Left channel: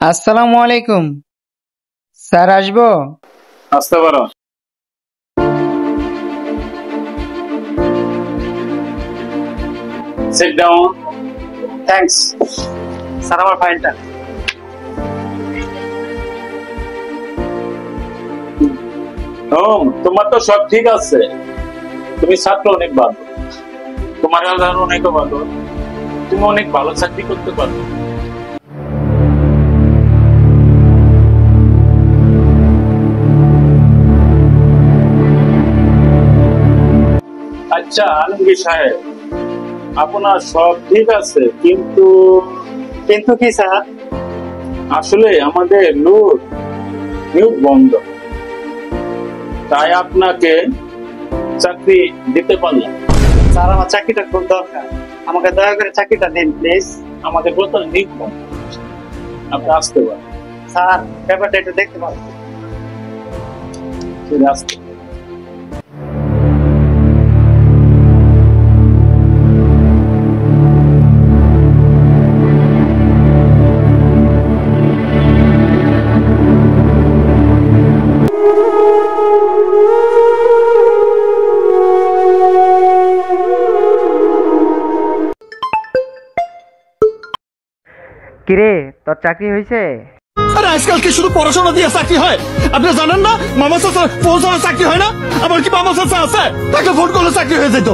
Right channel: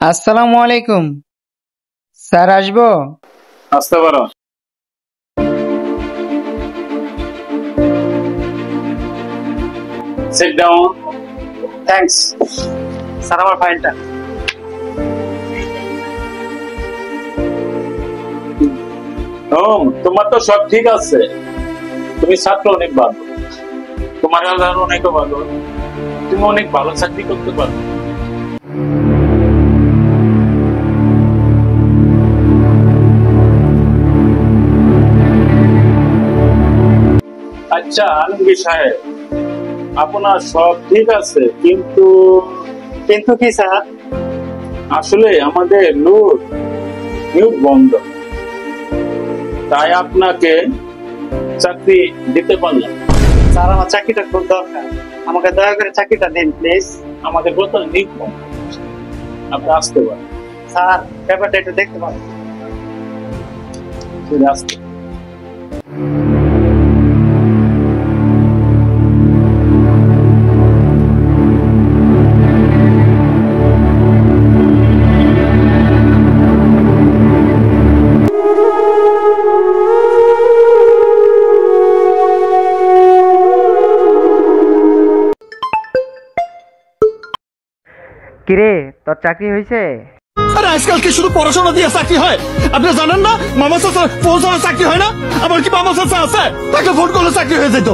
আসসালামু আলাইকুম। স্যার আসবো? আসতে পারো। Sit down. Thanks sir. আমার ফাইলটা। তোমার তো সব ঠিক আছে, তুমি ছাত্র অনেক ভালো, তোমার আল্লাহর অনেক ভালো, তুমি অনেক ভালো চাকরি করতে পারো। আচ্ছা আলমগীর সাহেব, আপনার সব ঠিক আছে, কিন্তু কিন্তু কি স্যার? আসলে আমাদের নিয়োগ বন্ধ, তাই আপনাকে চাকরি দিতে পারলাম। স্যার আমার চাকরিটা খুব দরকার, আমাকে দয়া করে চাকরিটা দিন প্লিজ। আমাদের প্রথম নিয়োগ বন্ধ, আপনি আসতে পারেন। স্যার পেপারটা একটু দেখতে পারেন। আসতে কিরে, তোর চাকরি হয়েছে? আরে আজকাল কি শুধু পড়াশোনা দিয়ে চাকরি হয়? আপনি জানেন না মামা চাচা ফোন ছাড়া চাকরি হয় না? আমার কি মামা চাচা আছে? তাকে ফোন করলে চাকরি হয়ে যেত।